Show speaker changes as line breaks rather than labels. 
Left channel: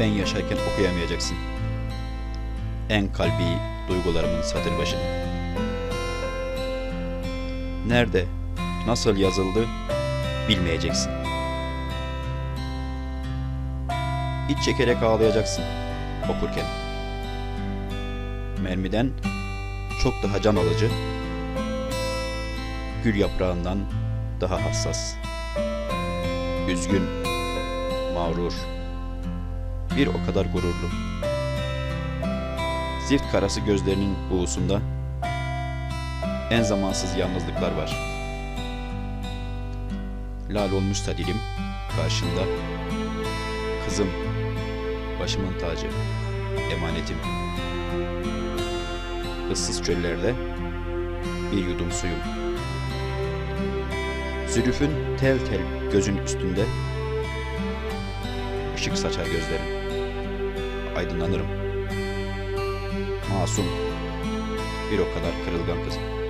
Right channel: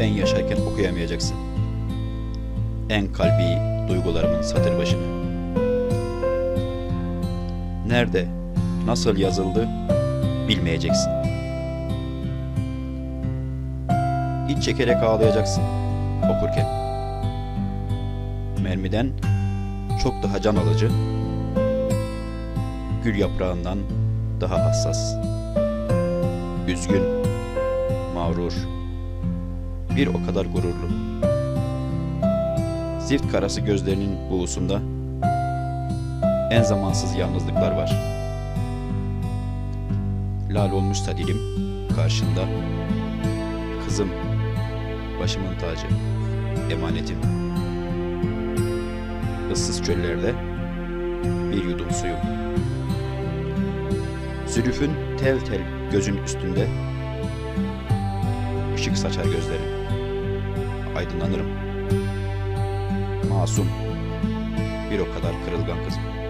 ben yaşarken okuyamayacaksın. En kalbi duygularımın satır başını. Nerede, nasıl yazıldı bilmeyeceksin. İç çekerek ağlayacaksın okurken. Mermiden çok daha can alıcı, gül yaprağından daha hassas. Üzgün, mağrur, bir o kadar gururlu. Zift karası gözlerinin buğusunda en zamansız yalnızlıklar var. Lal olmuşsa dilim karşında. Kızım, başımın tacı, emanetim. Issız çöllerde bir yudum suyum. Zülüfün tel tel gözün üstünde ışık saçar gözlerin. Aydınlanırım. Masum, bir o kadar kırılgan kızım.